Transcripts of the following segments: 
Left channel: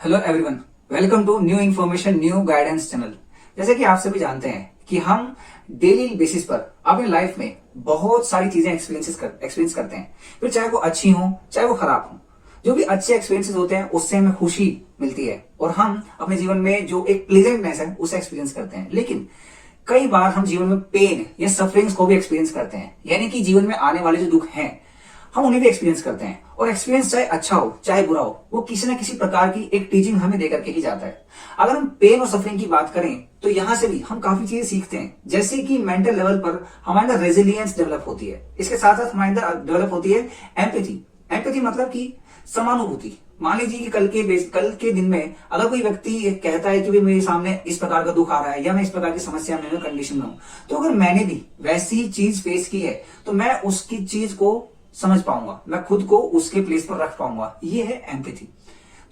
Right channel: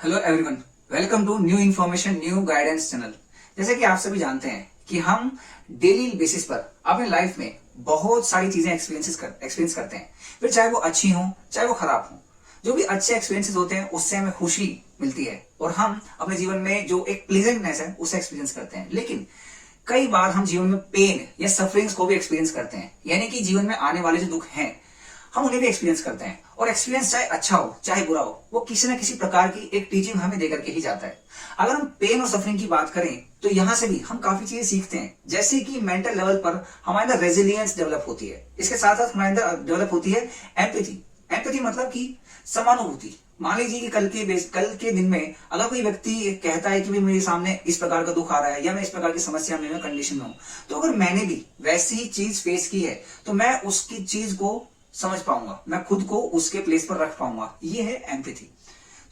Hello everyone, welcome to new information new guidance channel. जैसे कि आप सभी जानते हैं कि हम डेली बेसिस पर अपने लाइफ में बहुत सारी चीजें एक्सपीरियंस करते हैं, फिर चाहे वो अच्छी हो चाहे वो खराब हो। जो भी अच्छे एक्सपीरियंसेस होते हैं उससे हमें खुशी मिलती है और हम अपने जीवन में जो एक प्लेजेंटनेस है उसे एक्सपीरियंस करते हैं। लेकिन कई बार हम जीवन में पेन या सफरिंग्स को भी एक्सपीरियंस करते हैं, यानी कि जीवन में आने वाले जो दुख हैं हम उन्हें भी एक्सपीरियंस करते हैं। और एक्सपीरियंस चाहे अच्छा हो चाहे बुरा हो, वो किसी ना किसी प्रकार की एक टीचिंग हमें देकर के ही जाता है। अगर हम पेन और सफरिंग की बात करें तो यहां से भी हम काफी चीजें सीखते हैं, जैसे कि मेंटल लेवल पर हमारे अंदर रेजिलियंस डेवलप होती है। इसके साथ साथ हमारे अंदर डेवलप होती है एम्पैथी। एम्पैथी मतलब कि समानुभूति। मान लीजिए कि कल के दिन में अगर कोई व्यक्ति कहता है कि भाई मेरे सामने इस प्रकार का दुख आ रहा है या मैं इस प्रकार की समस्या में कंडीशन में हूं, तो अगर मैंने भी वैसी ही चीज फेस की है तो मैं उसकी चीज को समझ पाऊंगा, मैं खुद को उसके प्लेस पर रख पाऊंगा। ये है एम्पैथी।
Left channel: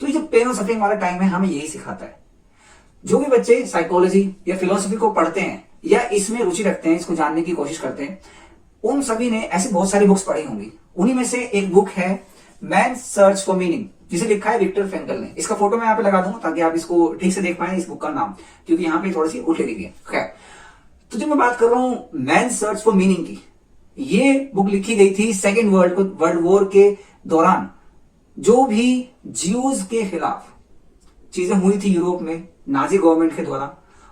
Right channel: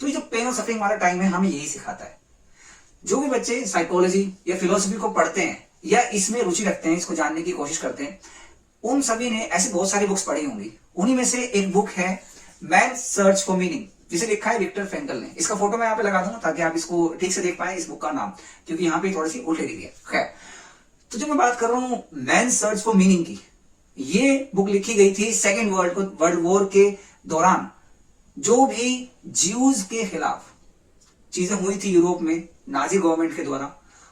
तो ये जो पेन और सफरिंग वाला टाइम है हमें यही सिखाता है। जो भी बच्चे साइकोलॉजी या फिलोसफी को पढ़ते हैं या इसमें रुचि रखते हैं, इसको जानने की कोशिश करते हैं, उन सभी ने ऐसी बहुत सारी बुक्स पढ़ी होंगी। उन्हीं में से एक बुक है मैन सर्च फॉर मीनिंग, जिसे लिखा है विक्टर फ्रैंकल ने। इसका फोटो मैं यहाँ पे लगा दूंगा ताकि आप इसको ठीक से देख पाए, इस बुक का नाम, क्योंकि यहाँ पे थोड़ी सी उल्टी लिखी है। खैर, तो जो मैं बात कर रहा हूं मैन सर्च फॉर मीनिंग की, ये बुक लिखी गई थी सेकेंड वर्ल्ड वॉर के दौरान। जो भी ज्यूज के खिलाफ चीजें हुई थी यूरोप में नाजी गवर्नमेंट के द्वारा,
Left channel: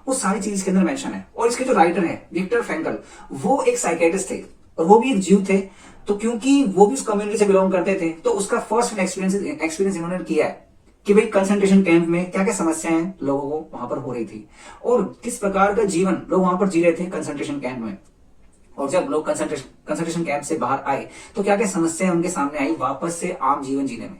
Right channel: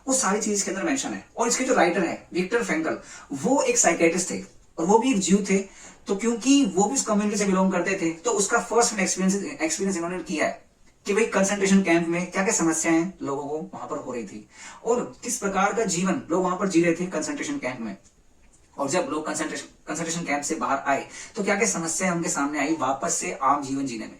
वो सारी चीज के अंदर मेंशन है। और इसके जो राइटर है विक्टर फ्रैंकल, वो एक साइकेट्रिस्ट थे और वो भी एक ज्यू थे। तो क्योंकि वो भी उस कम्युनिटी से बिलोंग करते थे, तो उसका फर्स्ट एक्सपीरियंस इन्होंने किया है कि भाई कंसंट्रेशन कैंप में क्या क्या समस्याएं लोगों को वहां पर हो रही थी और किस प्रकार का जीवन लोग वहां पर जी रहे थे कंसंट्रेशन कैंप में। और जब लोग कंसंट्रेशन कैंप से बाहर आए तो क्या क्या समस्याएं उनके सामने आई वापस से आम जीवन जीने में।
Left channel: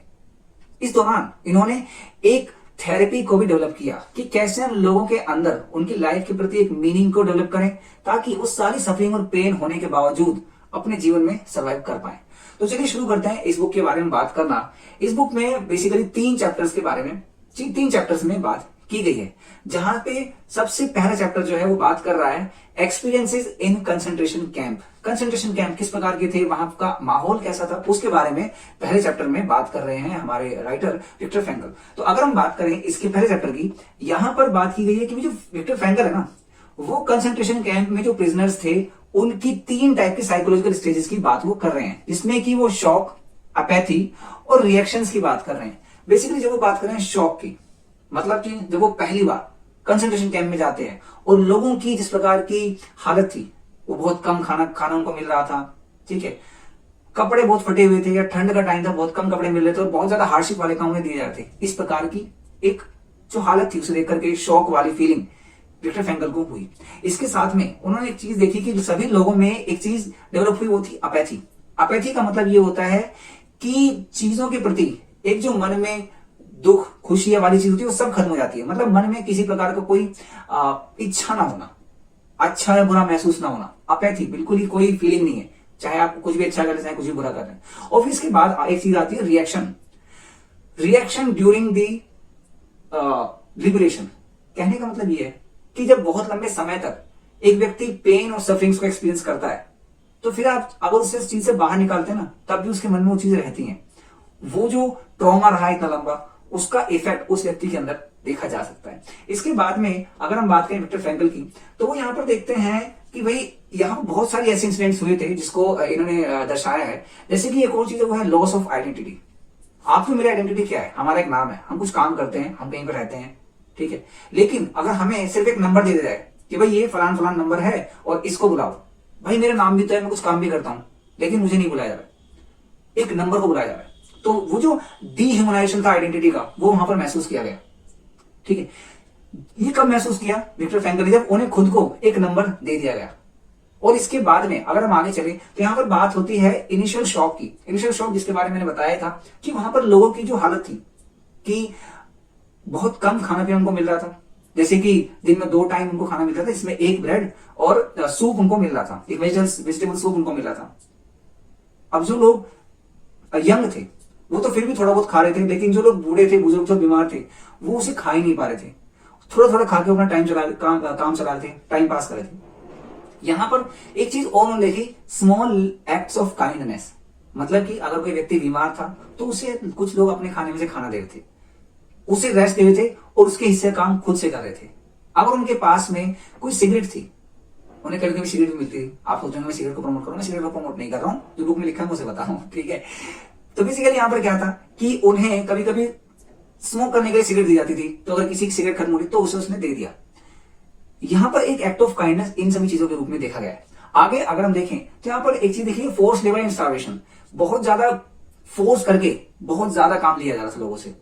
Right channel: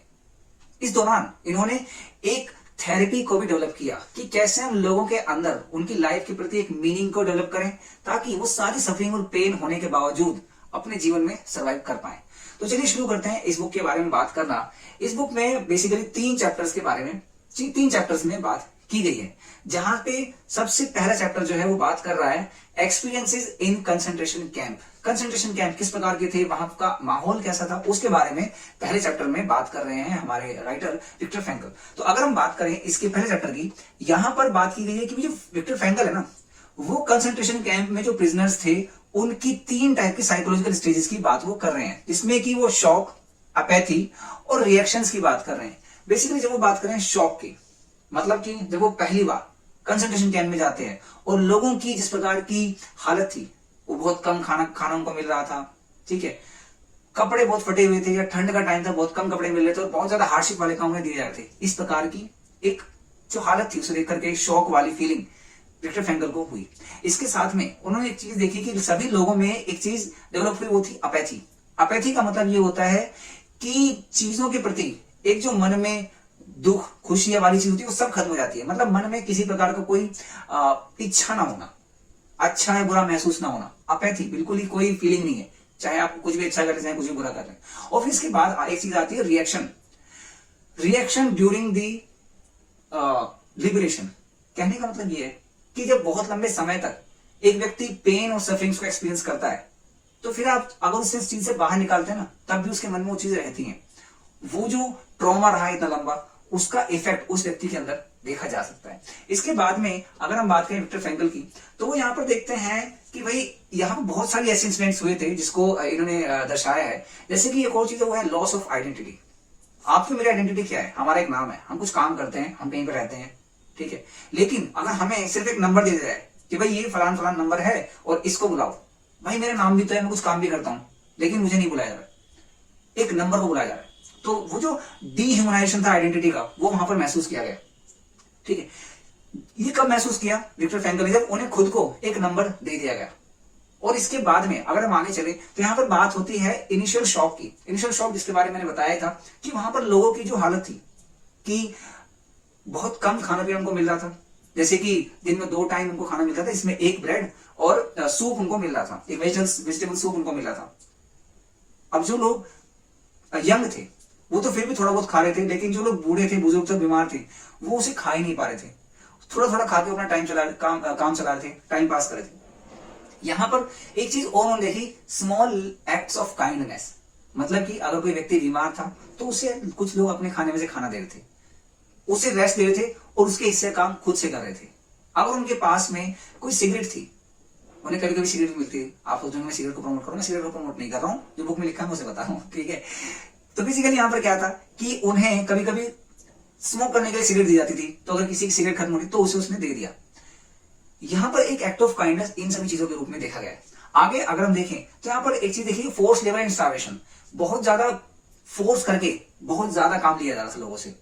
इस दौरान इन्होंने एक थेरेपी को भी डेवलप किया कि कैसे हम लोगों के अंदर उनकी लाइफ के प्रति एक मीनिंग को डेवलप करें, ताकि वो सारी सफरिंग और पेन होने के बावजूद अपने जीवन में सर्वाइव कर पाए। तो चलिए शुरू करते हैं इस बुक के बारे में बात करना। इस बुक में बेसिकली 3 चैप्टर्स के बारे में 3 चैप्टर्स में बात की गई है, जहां पे सबसे पहला चैप्टर जो है वो बात कर रहा है experiences in concentration camp. Concentration camp किस प्रकार के थे, वहां का माहौल कैसा था, उसके बारे में पहले चैप्टर में बात कर रहे हैं हमारे राइटर विक्टर फ्रैंकल। तो अगर हम बात करें इसके पहले चैप्टर की, यहां पर बात की गई है कि जो विक्टर फ्रैंकल है ना, वो कंसंट्रेशन कैंप में जो प्रिजनर्स थे उनकी 3 टाइप की साइकोलॉजिकल स्टेजेस की बात वो कर रहे हैं, जिसमें कि वो शॉक, अपैथी और रिएक्शंस की बात कर रहे हैं। बेसिकली जब वो बात कर रहे हैं शॉक की, मतलब कि जब वो पहली बार कंसंट्रेशन कैंप में जाते हैं और लोगों की जिस प्रकार की हालत थी, वो बहुत कम खाना उनको मिल रहा था, ठीक है, कपड़े बहुत फटे हुए थे या ठंड का टाइम था, बहुत कम कपड़े मिल रहे थे और बहुत ज्यादा हार्डशिप वाले काम दिए जा रहे थे। इस प्रकार की एक जो हालत थी उसे देख करके शॉक वाली फीलिंग विक्टर फ्रैंकल को हुई। इसके साथ में उन्होंने एक चीज देखी कि सभी लोगों में एक चीज डेवलप हुई, वो थी अपैथी। अपैथी का मतलब ये होता है कि चीजों के प्रति एक जो मन में दुख खुशियां वाली चीज होती है वो सब खत्म हो जाती है। मतलब मन में किसी प्रकार का कोई इच्छा ना होना, अच्छा या बुरा महसूस ना होना, अपैथी, बिल्कुल ही कोई फीलिंग नहीं है, चाहे आप कुछ भी अच्छा कर रहे हैं चाहे कुछ भी बुरा कर रहे हैं। और फिर इसके बाद एक चीज आती है reaction. Reaction during the liberation. कहने का मतलब ये है कि जब बहुत लंबे समय तक एक व्यक्ति पेन और सफरिंग्स को एक्सपीरियंस करता है, तो फिर आप अगर उसे इस चीज से बाहर निकालते हैं ना, तब भी उसके मन में वो चीजें रहती हैं। वो जो ट्रॉमा रहा है इतना लंबा, उसका इफेक्ट उस व्यक्ति के अंदर देखा जा सकता है। इसके बाद में अगर हम बात करें विक्टर फ्रैंकल की, तो वो यहाँ पर देखते हैं कि भाई यहाँ बहुत सारी ऐसे इंसिडेंट्स हुए थे जिसको इन्होंने दर्शाया है। जैसे कि एक और चीज है वो है लॉस ऑफ आइडेंटिटी। आपकी मेरी आइडेंटिटी क्या है, हमारा एक नाम है, हम कुछ काम करते हैं, हम कहीं पर रहते हैं, ठीक है। लेकिन अगर हमें सिर्फ एक नंबर दे दिया जाए कि भाई ये फलान फलान नंबर है और इसको बुलाओ, भाई मेरा नाम भी तो है, मैं कुछ काम भी करता हूं, लेकिन मुझे नहीं बुलाया जा रहा, एक नंबर को बुलाया जा रहा है। तो वो जो डीह्यूमनाइजेशन था आइडेंटिटी का, वो वहां पर महसूस किया गया, ठीक है। ये कब महसूस किया विक्टर फ्रैंकल ने, जब उन्हें खुद को एक नंबर दे दिया गया। और इसके बाद में अगर हम आगे चले तो यहां पर बात होती है इनिशियल शॉक की। इनिशियल शॉक जिसके बारे में मैंने बताया था कि वहां पर लोगों की जो हालत थी कि बहुत कम खाना पीना उनको मिल रहा था, जैसे कि दिन में 2 टाइम उनको खाना मिलता था, इसमें एक ब्रेड और सूप उनको मिल रहा था, एक वेजिटेबल सूप उनको मिल रहा था। अब जो लोग यंग थे वो तो फिर भी थोड़ा बहुत खा रहे थे, लेकिन जो लोग बूढ़े थे, बुजुर्ग थे, बीमार थे, वो उसे खा ही नहीं पा रहे थे, थोड़ा थोड़ा खा के अपना काम चला रहे थे, टाइम पास कर रहे थे। यहां पर एक चीज और उन्होंने देखी, स्मॉल एक्ट्स ऑफ काइंडनेस। मतलब कि अगर कोई व्यक्ति बीमार था तो उसे कुछ लोग अपने खाने में से खाना दे रहे थे, उसे रेस्ट दे रहे थे और उसके हिस्से काम खुद से कर रहे थे। अगर उनके पास में कोई सिगरेट थी, उन्हें कभी कभी सिगरेट मिलती है, आप सोचेंगे मैं सिगरेट को प्रमोट करूँ, मैं सिगरेट को प्रमोट नहीं कर रहा हूँ, जो बुक में लिखा है मुझे बता रहा हूँ, ठीक है। तो बेसिकली यहाँ पर क्या था कि उन्हें कभी कभी स्मोक करने के लिए सिगरेट दी जाती थी, तो अगर किसी की सिगरेट खत्म होती तो उसे उसने दे दिया। यहाँ पर एक एक्ट ऑफ काइंडनेस इन सभी चीजों के रूप में देखा गया है। आगे अगर हम देखें तो यहाँ पर एक चीज देखिए, फोर्स लेबर एंड स्टार्वेशन, बहुत ज्यादा फोर्स करके बहुत ज्यादा काम लिया जा रहा था लोगों से,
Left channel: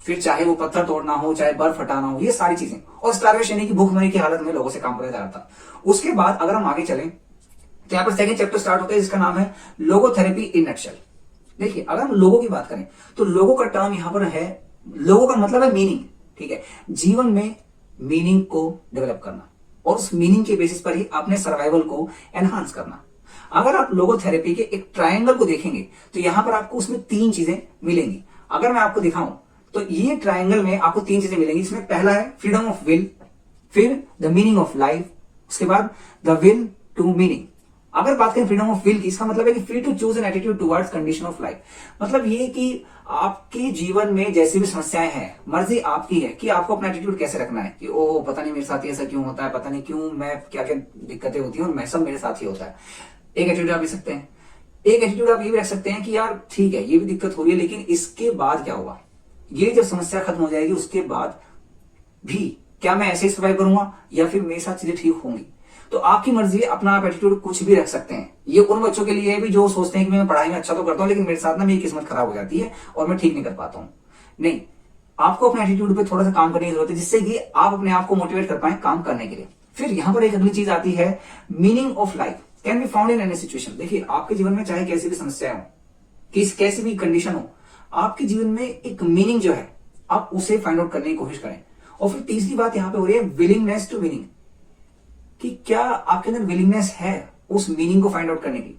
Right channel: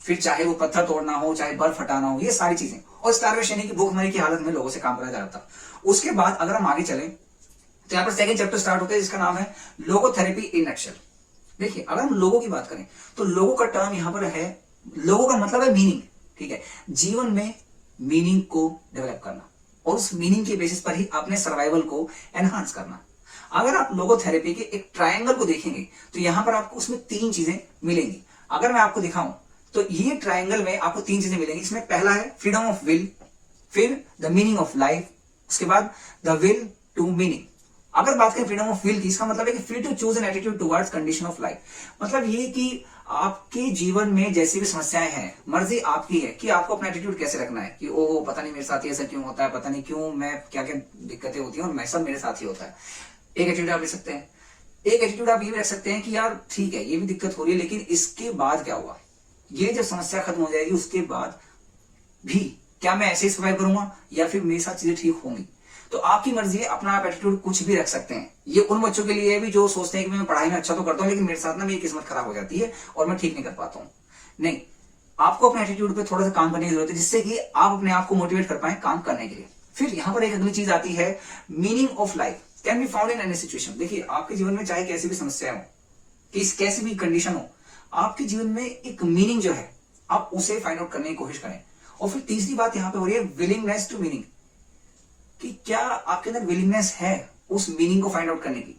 फिर चाहे वो पत्थर तोड़ना हो, चाहे बर्फ हटाना हो, ये सारी चीजें, और स्टार्वेशन यानी कि भूखमरी की हालत में लोगों से काम कराया जा रहा था। उसके बाद अगर हम आगे चलें तो यहाँ पर सेकंड चैप्टर स्टार्ट होता है जिसका नाम है लोगोथेरेपी इन नटशेल। देखिए अगर हम लोगों की बात करें तो लोगों का टर्म यहाँ पर है, लोगों का मतलब है मीनिंग, ठीक है, जीवन में मीनिंग को डेवलप करना और उस मीनिंग के बेसिस पर ही अपने सर्वाइवल को एनहांस करना। अगर आप लोगोथेरेपी के एक ट्रायंगल को देखेंगे तो यहां पर आपको उसमें 3 चीजें मिलेंगी। अगर मैं आपको दिखाऊं तो ये ट्रायंगल में आपको 3 चीजें मिलेंगी, जिसमें पहला है फ्रीडम ऑफ विल, फिर द मीनिंग ऑफ लाइफ, उसके बाद द विल टू मीनिंग। अगर बात करें फ्रीडम ऑफ विल की, इसका मतलब है कि free to choose an attitude towards condition of life. मतलब ये कि आपके जीवन में जैसी भी समस्याएं हैं, मर्जी आपकी है कि आपको अपना एटीट्यूड कैसे रखना है, कि ओ पता नहीं मेरे साथ ही ऐसा क्यों होता है, पता नहीं क्यों मैं क्या क्या दिक्कतें होती हैं और मैं सब मेरे साथ ही होता है। एक एटीट्यूड आप ले सकते हैं। एक एटीट्यूड आप ये भी रख सकते हैं कि यार ठीक है ये भी दिक्कत हो रही है, लेकिन इसके बाद क्या हुआ, ये जब समस्या खत्म हो जाएगी उसके बाद भी क्या मैं ऐसे ही सर्वाइव करूंगा या फिर मेरे साथ चीजें ठीक होंगी। तो आपकी मर्जी है, अपना आप एटीट्यूड कुछ भी रख सकते हैं। ये उन बच्चों के लिए भी जो सोचते हैं कि मैं पढ़ाई में अच्छा तो करता हूँ लेकिन मेरे साथ ना मेरी किस्मत खराब हो जाती है और मैं ठीक नहीं कर पाता हूँ। नहीं, आपको अपने एटीट्यूड पे थोड़ा सा काम करने की जरूरत है, जिससे कि आप अपने आप को मोटिवेट कर पाए काम करने के लिए। फिर यहाँ पर एक अगली चीज आती है, meaning of life can be found in any situation. देखिए आपके जीवन में चाहे कैसी भी समस्या हो, कैसी भी कंडीशन हो, आपके जीवन में एक मीनिंग जो है आप उसे फाइंड आउट करने की कोशिश करें। और फिर तीसरी बात यहाँ पे हो रही है विलिंगनेस टू मीनिंग, कि क्या आपके अंदर विलिंगनेस है उस मीनिंग को फाइंड आउट करने की।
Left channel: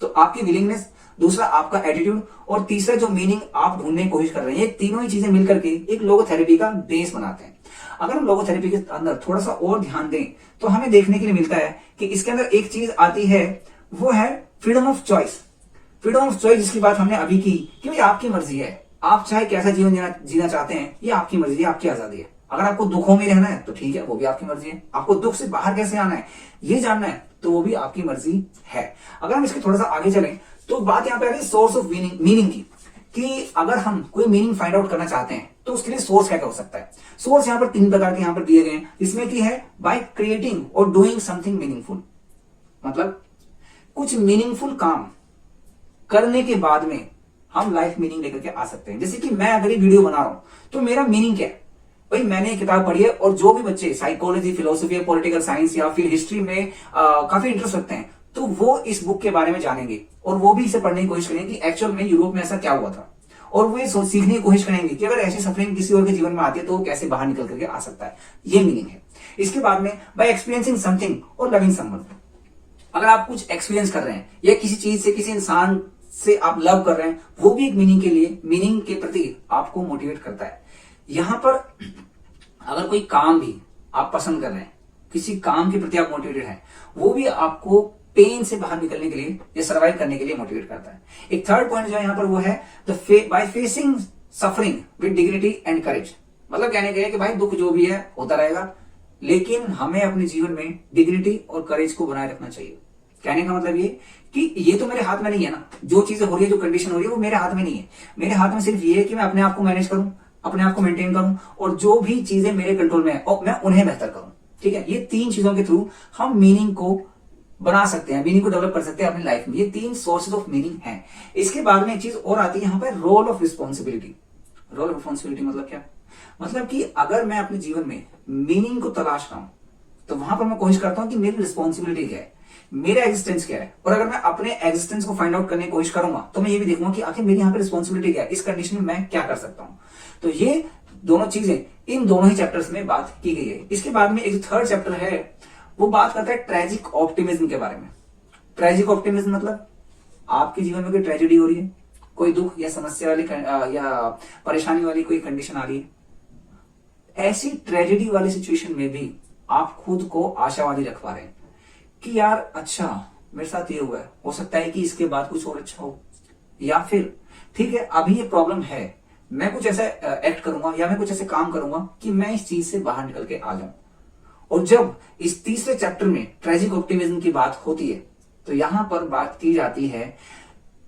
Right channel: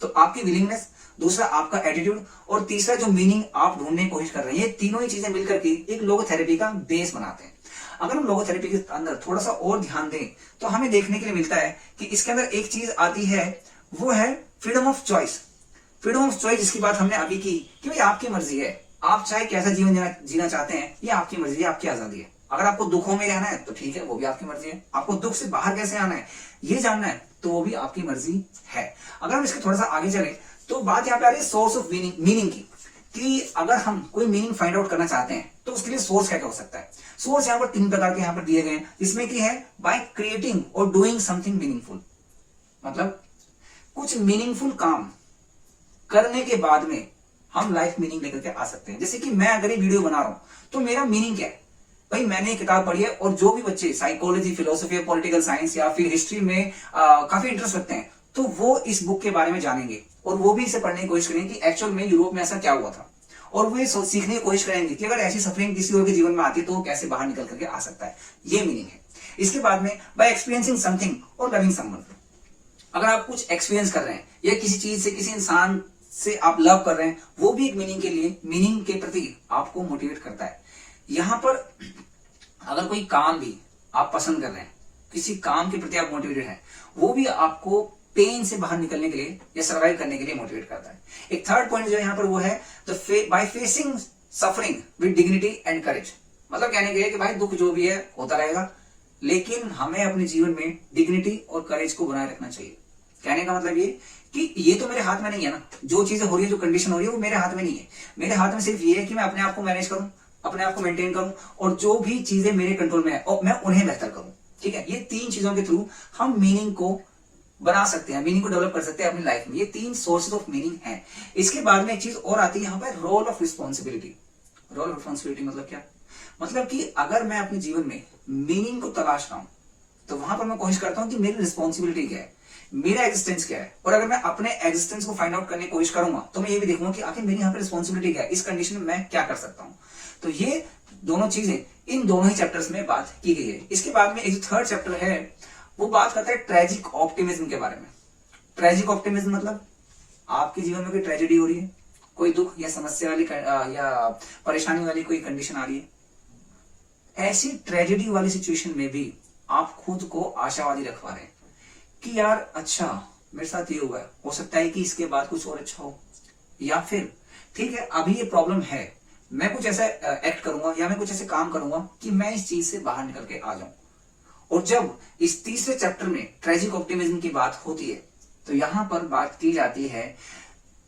तो आपकी विलिंगनेस, दूसरा आपका एटीट्यूड और तीसरा जो मीनिंग आप ढूंढने की कोशिश कर रहे हैं, ये तीनों ही चीजें मिलकर के एक लोगोथेरेपी का बेस बनाते हैं। अगर हम लोगोथेरेपी के अंदर थोड़ा सा और ध्यान दें तो हमें देखने के लिए मिलता है कि इसके अंदर एक चीज आती है, वो है freedom of choice. Freedom of choice जिसकी बात हमने अभी की कि भाई आपकी मर्जी है, आप चाहे कैसा जीवन जीना चाहते हैं, ये आपकी मर्जी है, आपकी आजादी है। अगर आपको दुखों में रहना है तो ठीक है, वो भी आपकी मर्जी है। आपको दुख से बाहर कैसे आना है ये जानना है तो वो भी आपकी मर्जी है। अगर हम इसके थोड़ा सा आगे चलें तो बात यहाँ पे आ रही है सोर्स ऑफ मीनिंग की, कि अगर हम कोई मीनिंग फाइंड आउट करना चाहते हैं तो उसके लिए सोर्स क्या हो सकता है। सोर्स यहाँ पर 3 प्रकार के यहाँ पर दिए गए हैं, जिसमें की है बाय क्रिएटिंग और डूइंग समथिंग मीनिंगफुल। मतलब कुछ मीनिंगफुल काम करने के बाद में हम लाइफ मीनिंग लेकर के आ सकते हैं। जैसे कि मैं अगर ये वीडियो बना रहा हूं तो मेरा मीनिंग क्या है, भाई मैंने एक किताब पढ़ी है और जो भी बच्चे साइकोलॉजी, फिलोसफी, पॉलिटिकल साइंस या फिर हिस्ट्री में काफी इंटरेस्ट रखते हैं तो वो इस बुक के बारे में जानेंगे और वो भी इसे पढ़ने की कोशिश करेंगे कि एक्चुअल में यूरोप में ऐसा क्या हुआ था, और वो सीखने की कोशिश करेंगे कि अगर ऐसी सफरिंग किसी और के जीवन में आती है तो वो कैसे बाहर निकल करके आ सकता है। ये मीनिंग है। इसके बाद में बाय एक्सपीरियंसिंग समथिंग और लविंग समवन। अगर आप कुछ एक्सपीरियंस कर रहे हैं या किसी चीज से, किसी इंसान से आप लव कर रहे हैं, वो भी एक मीनिंग के लिए, मीनिंग के प्रति आपको मोटिवेट करता है। यहां पर अगर कोई काम भी आप पसंद कर रहे हैं, किसी काम के प्रति आप मोटिवेटेड हैं, वो भी आपको पेन से बाहर निकलने के लिए या सर्वाइव करने के लिए मोटिवेट करता है। एक थर्ड पॉइंट जो है यहाँ पर वो है by facing suffering with dignity and courage. मतलब कहने के कि भाई दुख जो भी है होता रहेगा, लेकिन हमें अपने जीवन में डिग्निटी और करेज को बनाए रखना चाहिए। कहने का मतलब ये कि ये तो मेरे हाथ में नहीं है ना, जो चीजें हो रही है, जो कंडीशन हो रही है वो मेरे हाथ में नहीं है। मेरे हाथ में सिर्फ ये है कि मैं अपने आप को मैनेज करूं, अपने आप को मेंटेन करूं और जो भी चीजें मेरे कंट्रोल में है और मैं उन्हें बेहतर करूं। ठीक है, ये 3 चीजों के थ्रू हम मीनिंग को बना सकते हैं, मीनिंग को डेवलप कर सकते हैं अपनी लाइफ में। ये 3 सोर्सेज ऑफ मीनिंग हैं। इसके बाद में एक चीज और आती है यहाँ पर, role of responsibility. Role of responsibility मतलब क्या, मतलब कि अगर मैं अपने जीवन में मीनिंग को तलाश रहा हूं तो वहां पर मैं कोशिश करता हूं कि मेरी रिस्पॉन्सिबिलिटी क्या है, मेरा एग्जिस्टेंस क्या है। और अगर मैं अपने एग्जिस्टेंस को फाइंड आउट करने की कोशिश करूंगा तो मैं ये भी देखूंगा कि आखिर मेरी यहाँ पर रिस्पॉन्सिबिलिटी क्या है, इस कंडीशन में मैं क्या कर सकता हूं। तो ये दोनों चीजें इन दोनों ही चैप्टर्स में बात की गई है। इसके बाद में एक थर्ड चैप्टर है, वो बात करता है ट्रेजिक ऑप्टिमिज्म के बारे में। ट्रेजिक ऑप्टिमिज्म मतलब आपके जीवन में कोई ट्रेजेडी हो रही है, कोई दुख या समस्या वाली या परेशानी वाली कोई कंडीशन आ रही है, ऐसी ट्रेजेडी वाली सिचुएशन में भी आप खुद को आशावादी रख पा रहे हैं कि यार अच्छा मेरे साथ ये हुआ है, हो सकता है कि इसके बाद कुछ और अच्छा हो, या फिर ठीक है अभी ये प्रॉब्लम है मैं कुछ ऐसा एक्ट करूंगा या मैं कुछ ऐसे काम करूंगा कि मैं इस चीज से बाहर निकल के आ जाऊं। और जब इस तीसरे चैप्टर में ट्रेजिक ऑप्टिमिज्म की बात होती है तो यहां पर बात की जाती है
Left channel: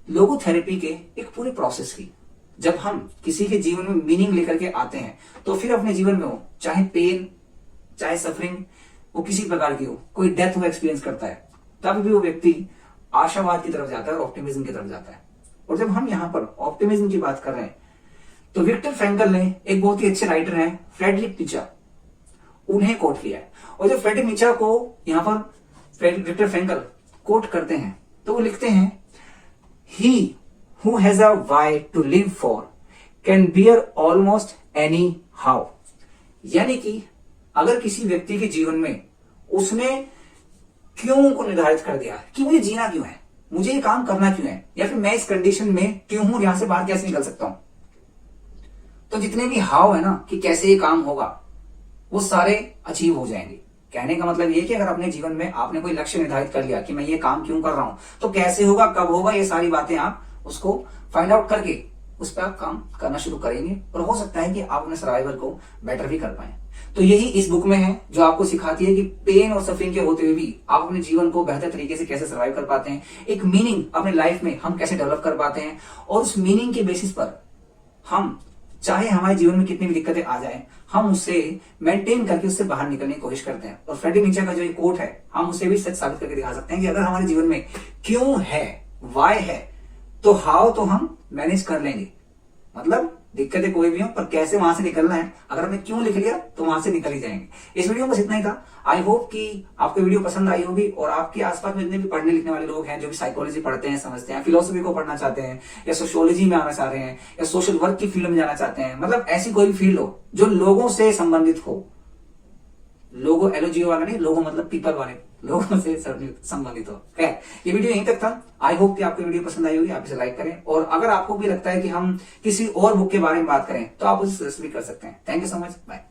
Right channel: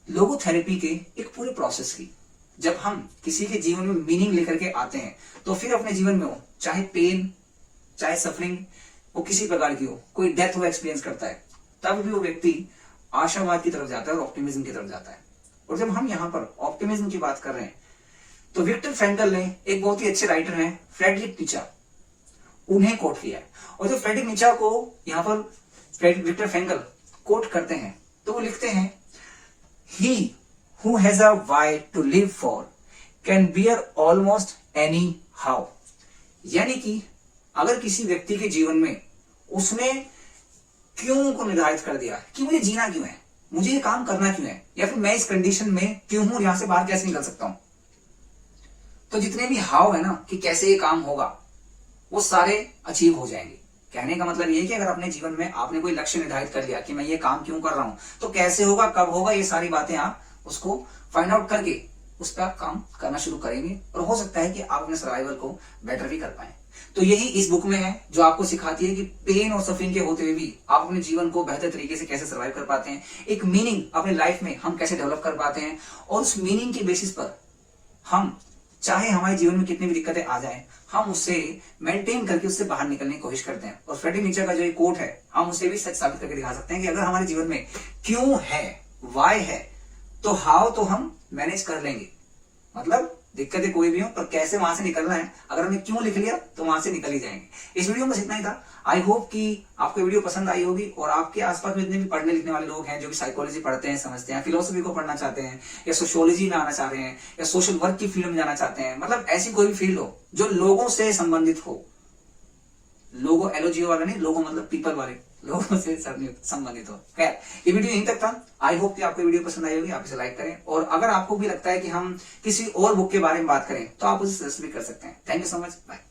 लोगोथेरेपी के एक पूरे प्रोसेस की। जब हम किसी के जीवन में मीनिंग लेकर के आते हैं तो फिर अपने जीवन में हो, चाहे पेन चाहे सफरिंग वो किसी प्रकार की हो, कोई डेथ वो एक्सपीरियंस करता है, तब भी वो व्यक्ति आशावाद की तरफ जाता है और ऑप्टिमिज्म की तरफ जाता है। और जब हम यहाँ पर ऑप्टिमिज्म की बात कर रहे हैं तो विक्टर फ्रैंकल ने, एक बहुत ही अच्छे राइटर हैं फ्रेडरिक नीचा, उन्हें कोट किया है। और जब फ्रेडरिक नीचा को यहाँ पर विक्टर फ्रैंकल कोट करते हैं तो वो लिखते हैं, He who has a why to live for can bear almost any how। यानी कि अगर किसी व्यक्ति के जीवन में उसने क्यों को निर्धारित कर दिया कि मुझे जीना क्यों है, मुझे ये काम करना क्यों है, या फिर मैं इस कंडीशन में क्यों हूं, यहां से बाहर कैसे निकल सकता हूं, तो जितने भी हाव है ना कि कैसे ये काम होगा वो सारे अचीव हो जाएंगे। कहने का मतलब ये कि अगर अपने जीवन में आपने कोई लक्ष्य निर्धारित कर लिया कि मैं ये काम क्यों कर रहा हूं, तो कैसे होगा, कब होगा, ये सारी बातें आप उसको फाइंड आउट करके उस पर आप काम करना शुरू करेंगे और हो सकता है कि आप अपने सर्वाइवल को बेटर भी कर पाए। तो यही इस बुक में है जो आपको सिखाती है कि पेन और सफरिंग के होते हुए भी आप अपने जीवन को बेहतर तरीके से कैसे सर्वाइव कर पाते हैं, एक मीनिंग अपने लाइफ में हम कैसे डेवलप कर पाते हैं, और उस मीनिंग के बेसिस पर हम चाहे हमारे जीवन में कितनी भी दिक्कतें आ जाए हम उससे मेंटेन करके उससे बाहर निकलने की कोशिश करते हैं। और फ्रेडरिक नीचे का जो एक कोट है हम उसे भी सच साबित करके दिखा सकते हैं कि अगर हमारे जीवन में क्यों है, वाई है, तो हाउ तो हम मैनेज कर लेंगे। मतलब दिक्कतें कोई भी हो पर कैसे वहां से निकलना है, अगर हमने क्यों लिख लिया तो वहां से निकल ही जाएंगे। इस वीडियो में बस इतना ही था। आई होप कि आपको वीडियो पसंद आई होगी और आपके आसपास में जितने भी पढ़ने लिखने वाले लोग हैं जो भी साइकोलॉजी पढ़ते हैं, समझते हैं, फिलोसफी को पढ़ना चाहते हैं, या सोशियोलॉजी में आना चाह रहे हैं, या सोशल वर्क की फील्ड में जाना चाहते हैं, मतलब ऐसी कोई भी फील्ड हो जो लोगों से संबंधित हो, लोगो एलओजीओ वाला नहीं, लोगो मतलब पीपल वाले, लोगों से संबंधित हो। खैर ये वीडियो यहीं तक था। आई होप कि आपको वीडियो पसंद आई होगी, आप इसे लाइक करें, और अगर आपको भी लगता है कि हम किसी और बुक के बारे में बात करें तो आप उसे सजेस्ट भी कर सकते हैं। Thank you so much, bye.